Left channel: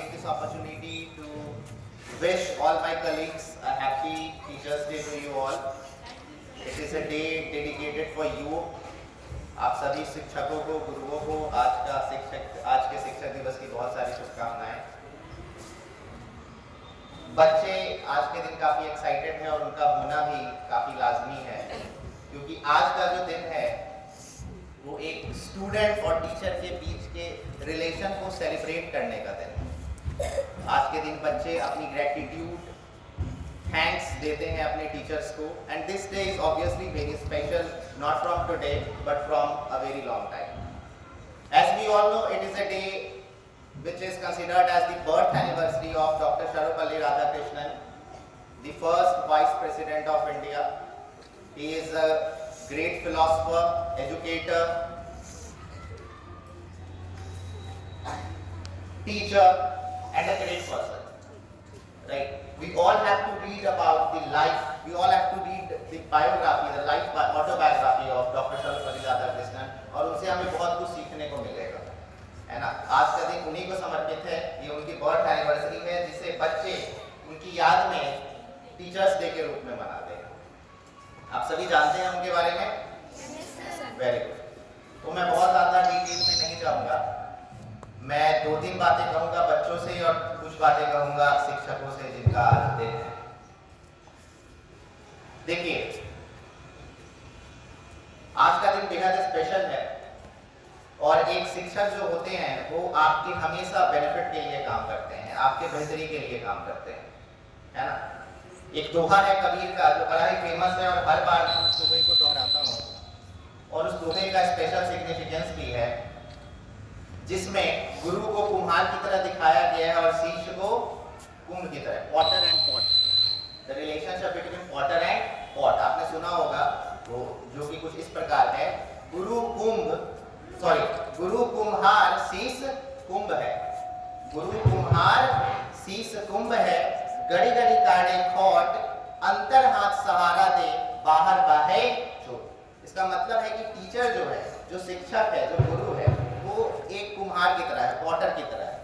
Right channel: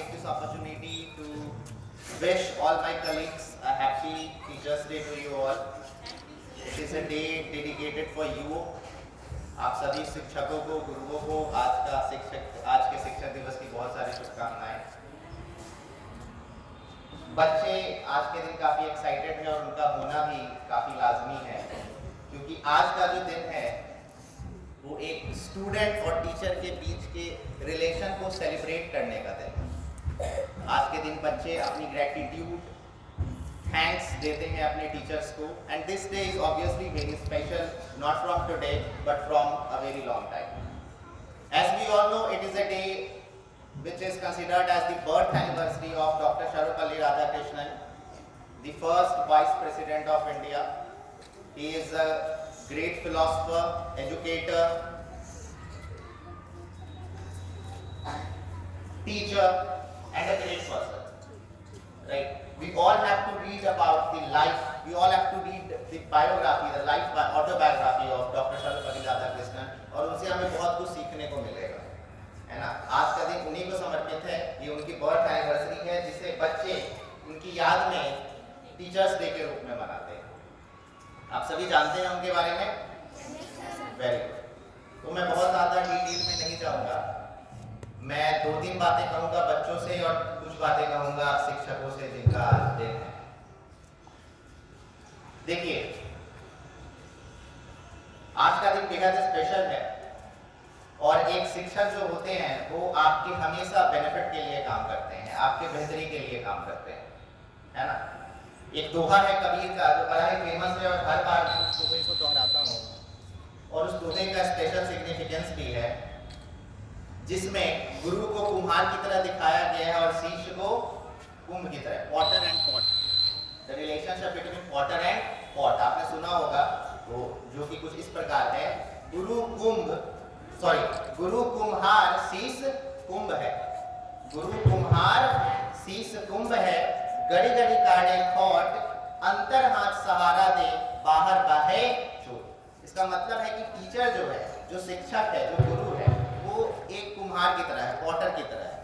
take this opportunity to wish all my colleagues a happy Teachers Day to you all. It is a day dedicated for you. आप सभी शिक्षकों को, गुरुओं को आज के शिक्षक दिवस की बहुत सारी शुभकामनाएं। बच्चे आज के दिन काफी एक्साइटेड है और उनका होना भी काफी लाजमी है, क्योंकि आज का जो दिन है वो एक स्टूडेंट और टीचर के बीच के रिलेशन को सेलिब्रेट करने का दिन है। आज के दिन बच्चे अपनी ग्रेटिट्यूड, थैंक्स देते हैं अपने टीचर्स को, and this day is obviously very special, not from today but from a very long time. As we all know, it is a day which is considered as the birth anniversary of Dr. Sarvepalli Radhakrishnan, the first Vice President of India. He is a great philosopher, educator, teacher, and a great person. Right? We all have to read about the life. We all have to read the biography, the life autobiography of Dr. Sarvepalli Radhakrishnan, और उनसे हमें बहुत कुछ सीखने को मिलेगा, है ना। आज का दिन उन्हीं को समर्पित है। ये उनकी बर्थ एनिवर्सरी है, जिसे बच्चे उनकी याद में टीचर्स डे के रूप में मनाते हैं। आप सभी जानते हैं उनके बारे में? Very good. तो मैं बहुत ज़्यादा डिटेल में नहीं जाऊंगा। मैं 2-3 बातें कहूंगा बच्चों से और कुछ बातें कहूंगा शिक्षकों से जिनका आज दिन है। देखिए, आज का दिन बेहद स्पेशल है और एक शिक्षक जो होते हैं वो आपके हमेशा बेनिफिट के लिए काम करते हैं, आपके बेहतरी के लिए काम करते हैं, है ना। एक दोहा है कबीर का जो बड़ा ही फेमस है और हर बार मैं उस दोहे को दोहराता हूँ, और उस दोहे का स्पेशल सिग्निफिकेंस भी है, जिसमें गुरु को कुम्हार की तरह दिखाया गया है और शिष्य को कुंभ की तरह, Potter and pot, the relationship between Potter and pot. आपने सुना होगा वो, जो कि कुछ इस प्रकार है, गुरु कुम्हार शीश कुंभ है, गुरु कुम्हार शीश कुंभ है, गड़ी गड़ी काढ़े खोट, अंतर हाथ सहारा दे, बाहर बहे चोट। इसका मतलब है कि टीचर जो है, जो शिक्षक है, जो गुरु है, वो एक कुम्हार की तरह है, पॉटर की तरह है।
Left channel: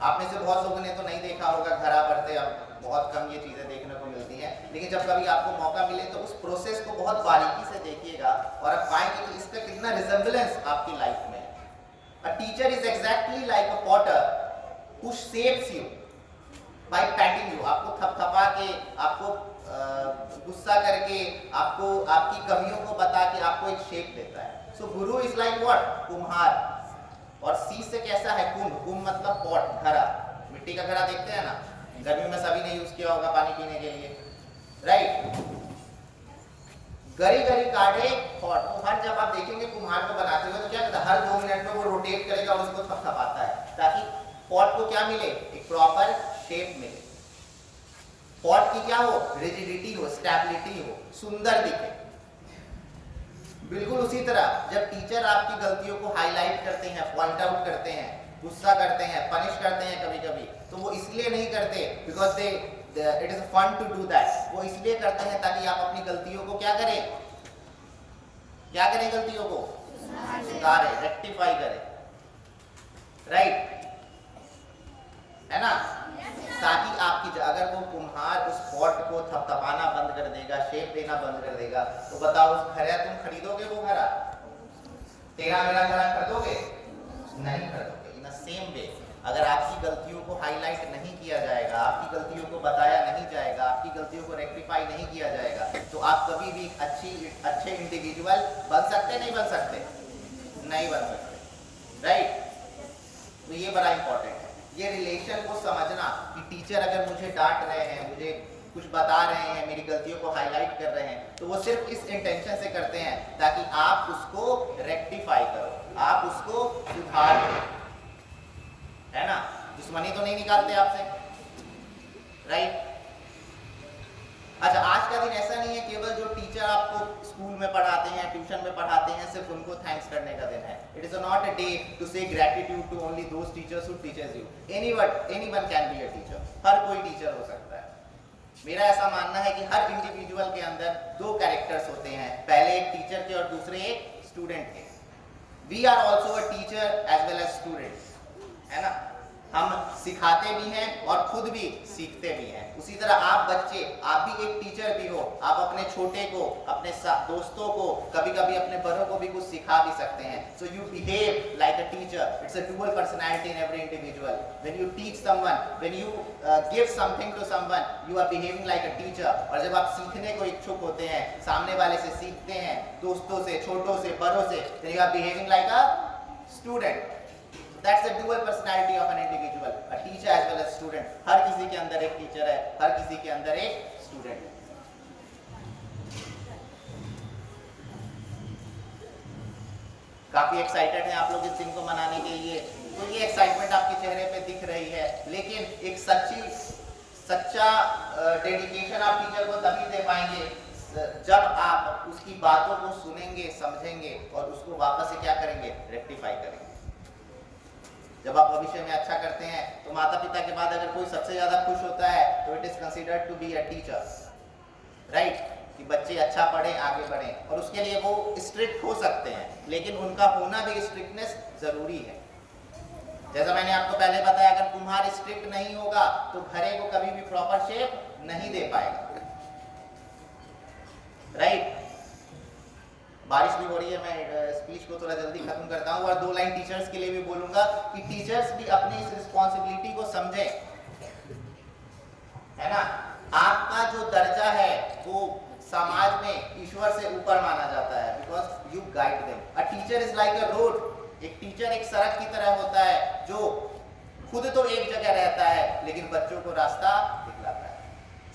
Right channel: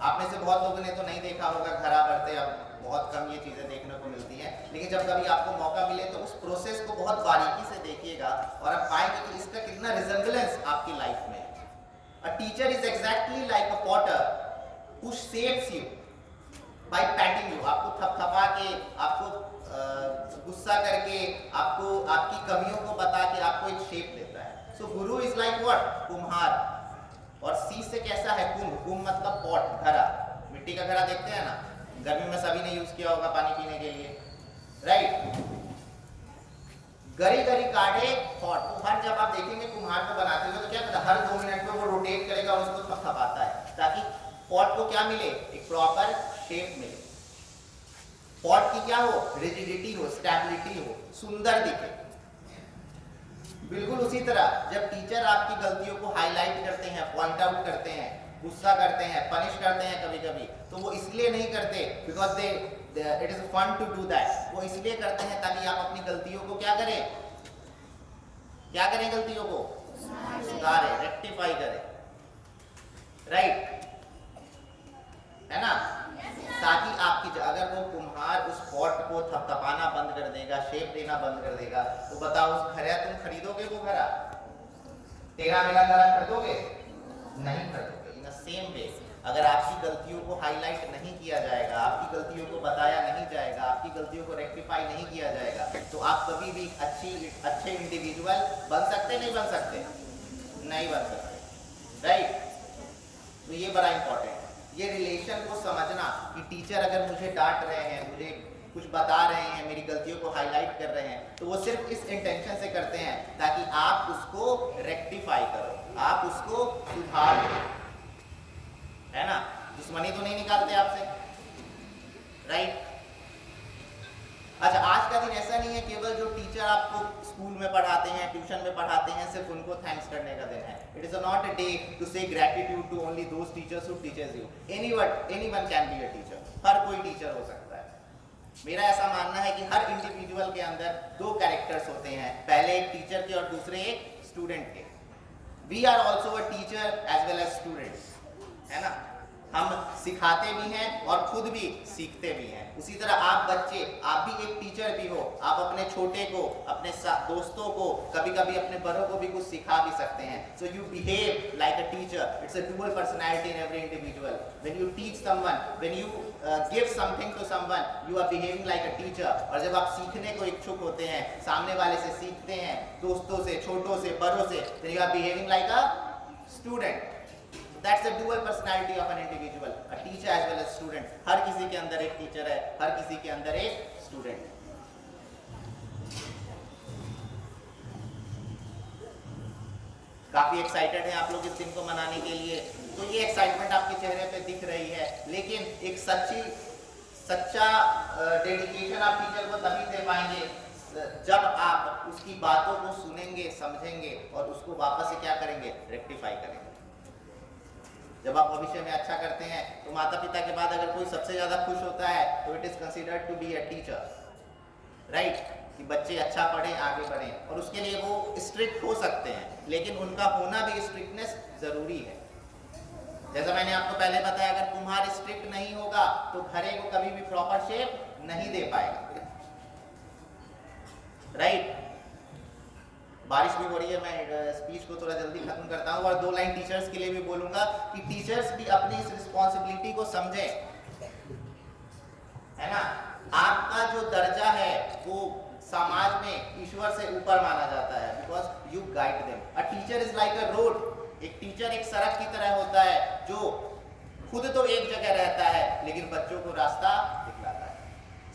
आप में से बहुत लोगों ने तो नहीं देखा होगा घड़ा भरते, अब बहुत कम ये चीज़ें देखने को मिलती हैं, लेकिन जब कभी आपको मौका मिले तो उस प्रोसेस को बहुत बारीकी से देखिएगा और आप पाएंगे कि इसका कितना रिजेम्बलेंस आपकी लाइफ में है। A teacher is exactly like a potter who shapes you by patting you. आपको थपथपा के, आपको गुस्सा करके, आपको आपकी कमियों को बता के आपको एक शेप देता है। So Guru is like what? कुम्हार। और शीश से कैसा है? कुंभ। कुंभ मतलब पॉट, घड़ा, मिट्टी का घड़ा देखते हैं ना, गर्मी में सभी ने यूज किया होगा पानी पीने के लिए, राइट। गरी गरी काढ़े खोट, तो हर जब आप देखेंगे कुम्हार को बनाते हुए तो क्या करता है, हर 2 मिनट में वो रोटेट करेगा और उसको थपथपाता है, ताकि पॉट को क्या मिले, एक प्रॉपर शेप मिले। पॉट की क्या हो, रिजिडिटी हो, स्टेबिलिटी हो, सुंदर दिखे। बिल्कुल उसी तरह जब टीचर आपकी गलतियों को हाईलाइट करते हैं, पॉइंट आउट करते हैं, गुस्सा करते हैं, पनिश करते हैं कभी कभी, तो वो इसलिए नहीं करते because it is fun to do that. वो इसलिए करते हैं ताकि आप अपनी गलतियों को क्या करें, गलतियों को सुधारें, रेक्टिफाई करें, राइट, है ना। ताकि आपकी, अगर वो कुम्हार उस पॉट को थपथपाना बंद कर देगा, शेप देना बंद कर देगा, तो बताओ उस घड़ा तुम खरीदोगे? वो घड़ा तेरा मेरा घड़ा खरीदोगे? नहीं खरीदोगे। इन सेम वे, अगर आपकी गलतियों को हाईलाइट नहीं किया जाएगा, आपकी गलतियों को बताया नहीं जाएगा, आपकी गलतियों को रेक्टिफाई नहीं किया जाएगा, तो आप कभी भी अच्छे इंडिविजुअल बन सकते, नहीं बन सकते, नहीं बन सकते, राइट। तो ये बड़ा इंपॉर्टेंट है, ये रिलेशन को समझना कि टीचर अगर मुझे डांट रहे हैं, मुझे कुछ बता रहे हैं, मेरी गलतियों को हाईलाइट कर रहे हैं, तो वो सिर्फ इस इंटेंशन से करते हैं ताकि आप उसको रेक्टिफाई करो, आप उसको सुधार करो, है ना। दुश्मनी तो नहीं निकालते आपसे, राइट। अच्छा, आज का दिन ऐसा नहीं है केवल जो टीचर आपको स्कूल में पढ़ाते हैं, ट्यूशन में पढ़ाते हैं, सिर्फ उनको थैंक्स करने का दिन है। It is not a day to say gratitude to only those teachers who teachers you. Anyone can be a teacher, हर कोई टीचर हो सकता है। मेरा ऐसा मानना है कि हर इंडिविजुअल के अंदर 2 कैरेक्टर्स होते हैं, पहले एक टीचर के और दूसरे एक स्टूडेंट के। We are also a teacher as well as student, है ना। हम सिखाते भी हैं और खुद भी सीखते भी हैं। उसी तरह आप बच्चे, आप भी एक टीचर भी हो, आप अपने छोटे को, अपने दोस्तों को, कभी कभी अपने बड़ों को भी कुछ सिखा भी सकते हैं। So you behave like a teacher, it's a dual personality in every individual. When you teach someone, when you give something to someone, you are behaving like a teacher. और जब आप सीखने को इच्छुक होते हैं, सामने वाले से सीखते हैं, दोस्तों से, छोटों से, बड़ों से, then you are behaving like a student. That's the dual personality of an individual, a teacher as well as student. हर किसी के अंदर एक टीचर है, हर किसी के अंदर एक स्टूडेंट है। काफी एक्साइटेड हैं आप लोग इस दिन को मनाने के लिए, तो ये एक्साइटमेंट आपके चेहरे पे दिख रही है, लेकिन एक सच्चा डेडिकेशन आप टीचर को तभी दे पाएंगे जब आप उसकी बातों को सुनेंगे, समझेंगे और उसको वापस से क्या करेंगे, रेक्टिफाई करेंगे। जब आप भविष्य में अच्छा करते हैं तो माता पिता के बाद अगर कोई सबसे ज्यादा खुश होता है तो it is considered to be a teacher, right, कि बच्चे अच्छा पढ़ें, आगे बढ़ें। और उसके लिए वो स्ट्रिक्ट हो सकते हैं, लेकिन उनका होना भी, स्ट्रिक्टनेस जरूरी है। जैसा मैंने आपको पहले बताया, अगर कुम्हार स्ट्रिक्ट नहीं होगा तो घड़े को कभी भी प्रॉपर शेप नहीं दे पाएगा, राइट। बारिश भी हो रही है, मैं स्पीच को थोड़ा जल्दी खत्म करता हूँ और 2 लाइन टीचर्स के लिए भी बोलूंगा कि टीचर्स भी अपनी इस रिस्पॉन्सिबिलिटी को समझें, है ना। आपका जो दर्जा है वो समाज में ईश्वर से ऊपर माना जाता है, because you guide them. A teacher is like a road, एक टीचर एक सड़क की तरह होता है जो खुद तो एक जगह रहता है लेकिन बच्चों को रास्ता दिखलाता है।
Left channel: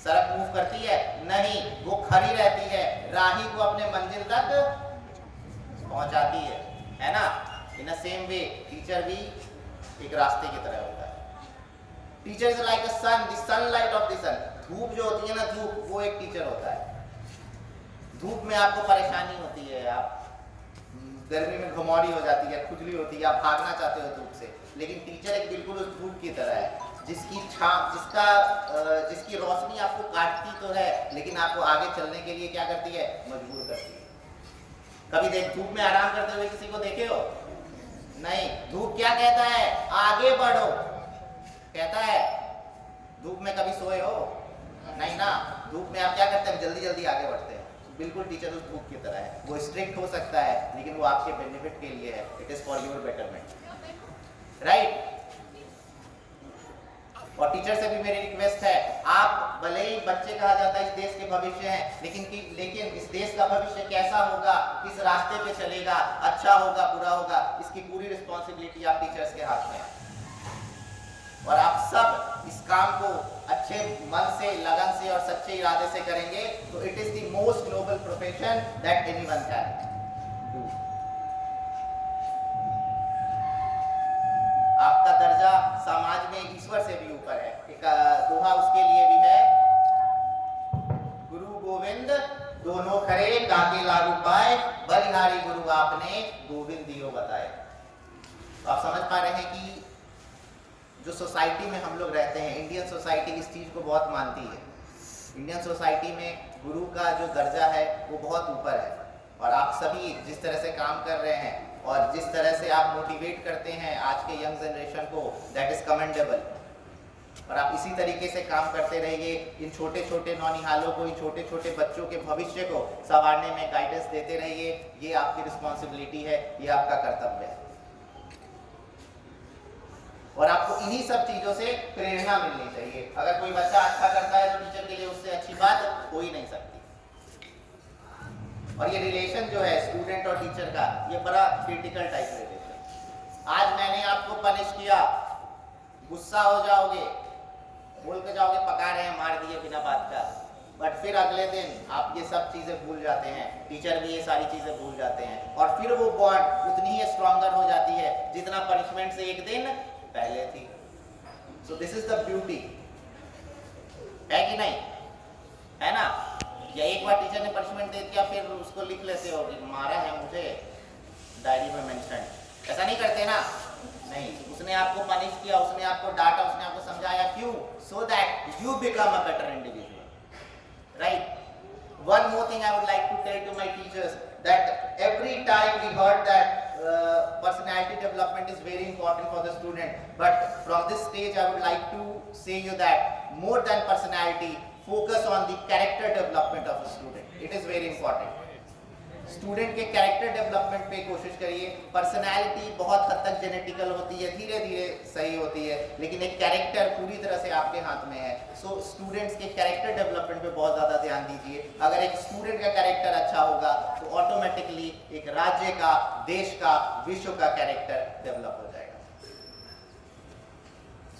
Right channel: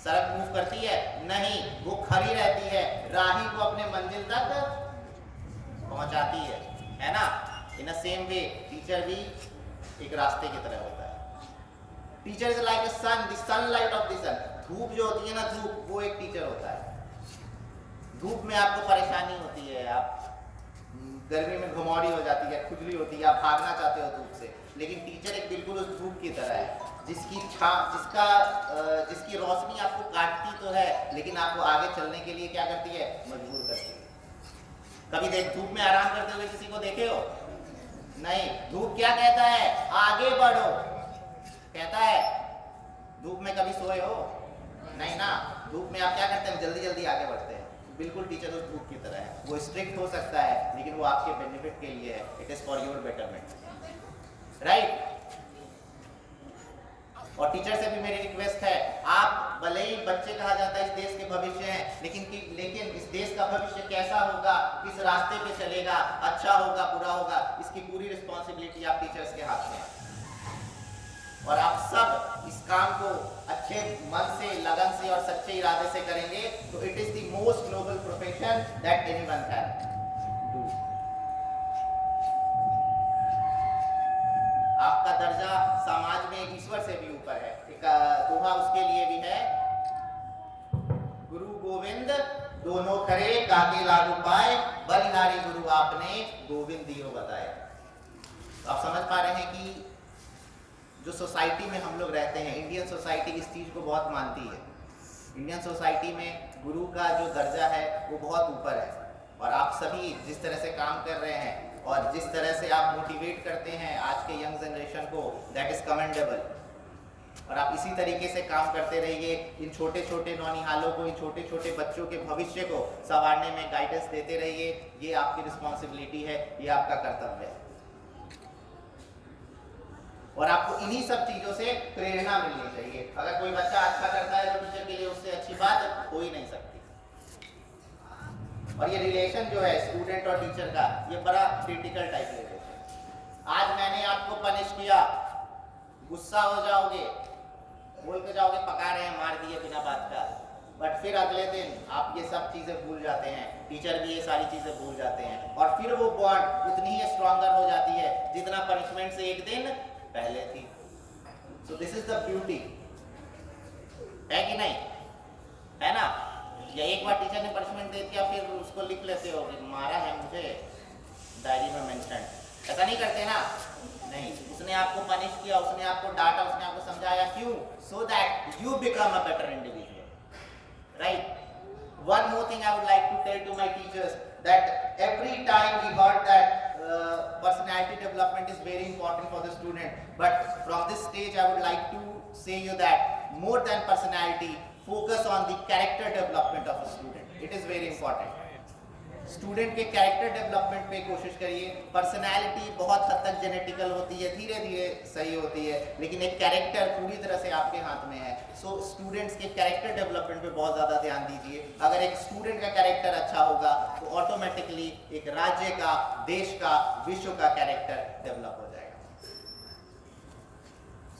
सड़क मूव करती है नहीं, वो खड़ी रहती है, राही को अपने मंजिल तक पहुंचाती है ना। इन अ सेम वे टीचर भी एक रास्ते की तरह होता है। Teacher is like a sun, the sunlight of the sun. धूप जो होती है ना, धूप, वो एक टीचर होता है। धूप में आपको परेशानी होती है, आप गर्मी में घमौरी हो जाती है, खुजली होती है, आप भागना चाहते हो धूप से, लेकिन टीचर एक बिल्कुल उस धूप की तरह है जिसकी रोशनी आपको काटती तो है लेकिन आपको आगे चलने के लिए क्या करती है, मजबूर करती है। कभी धूप में आराम करते हुए किसी को देखे हो? नहीं। धूप क्या कहता है, आगे बढ़ो कहता है। धूप में कभी सोए हो? नहीं ना। धूप में आप क्या करते हैं, जल्दी जल्दी आगे बढ़ते हैं। बिल्कुल टीचर उस धूप की तरह है, वो स्ट्रिक्ट हो सकता है लेकिन वो आपके बेनिफिट के लिए है, it is for your betterment, right. और टीचर से भी मेरी रिक्वेस्ट है, आप भले ही बच्चे कहा जाता है इस देश के भविष्य हैं, लेकिन इस देश का भविष्य कैसा होगा, किस रास्ते पे चलेगा, अच्छा होगा, बुरा होगा, इसकी पूरी रिस्पॉन्सिबिलिटी आप टीचर्स के हाथ में है। और आप सब इस काम को अच्छे मन से, लगन से और सच्चे इरादे से करेंगे तो it is the most noble profession that anyone can do. आपका दर्जा समाज में ईश्वर से भी ऊपर है। एक दोहा उसके लिए भी है, गुरु गोविंद दोनों खरे, काके लागू पाए, बलिहारी गुरु आपने, गोविंद दियो बताए। तो आप समझ पा रहे हैं कि जो सोसाइटी में हम लोग रहते हैं, इंडियन सोसाइटी इस चीज़ को बहुत मानती है। इंडियन सोसाइटी में गुरु का जो दर्जा है वो बहुत ऊपर है। और आप सभी जिस तरह से काम कर रहे हैं और जिस तरह से आप मोटिवेट करते हैं आज के यंग जनरेशन को, दैट इज़ कमेंडेबल। और आप इसी तरीके से काम करते रहिए, इन छोटे छोटे नौनिहालों को, इन छोटे छोटे बच्चों के भविष्य को संवारने में गाइडेंस देते रहिए। ये आपकी रिस्पॉन्सिबिलिटी है, ये आपका कर्तव्य है। और आपको इन्हीं सब चीज़ों से प्रेरणा मिलनी चाहिए। अगर कोई बच्चा अच्छा करता है तो टीचर के लिए उससे अच्छी बात हो ही नहीं सकती। और ये रिलेशन जो है स्टूडेंट और टीचर का, ये बड़ा क्रिटिकल टाइप रिलेशन। आज मैंने आपको पनिश किया, गुस्सा हो जाओगे, बोल के जाओगे पका रहे हैं, मार दिए बिना बात का, बट फिर अगले दिन आप ये सब चीज़ें भूल जाते हैं, टीचर भी ये सारी चीज़ें भूल जाते हैं, और फिर वो बॉन्ड उतनी ही स्ट्रॉन्गर हो जाती है जितना पनिशमेंट से एक दिन पहले थी। So this is the beauty, है कि नहीं, है ना। या एक बार टीचर ने पनिशमेंट दे दिया फिर उसको लिख लेते हो कि मारा है मुझे, डायरी में मेंशन, ऐसा नहीं करते ना। नहीं, उसने आपको पनिश किया, उसने आपको डांटा, उसने आपको समझाया, क्यों? So that you become a better individual, right. one more thing I would like to tell to my teachers, that every time we heard that personality development is very important for the student, but from this stage I would like to say you that more than personality, focus on the character development of a student. It is very important. Student के character development पे कोशिश करिए. Personality बहुत हद तक genetical होती है, धीरे धीरे सही होती है, लेकिन एक कैरेक्टर पूरी तरह से आपके हाथ में है. सो स्टूडेंट्स के कैरेक्टर डेवलपमेंट पे बहुत ज़्यादा ध्यान दीजिए. अगर एक स्टूडेंट का कैरेक्टर अच्छा होगा तो ऑटोमेटिकली एक राज्य का, देश का, विश्व का कैरेक्टर डेवलप हो जाएगा.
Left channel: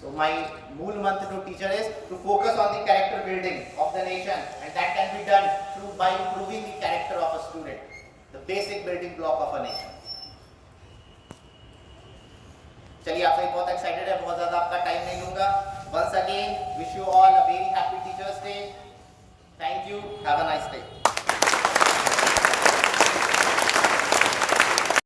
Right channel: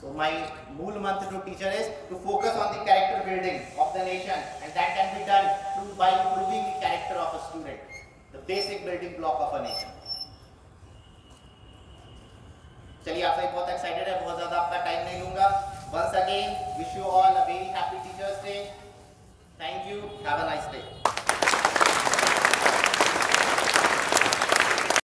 So my मूल मंत्र to teacher is to focus on the character building of the nation, and that can be done through by improving the character of a student, the basic building block of a nation. चलिए, आप सभी बहुत excited है, बहुत ज़्यादा आपका time नहीं लूँगा. Once again, wish you all a very happy Teachers Day. Thank you. Have a nice day.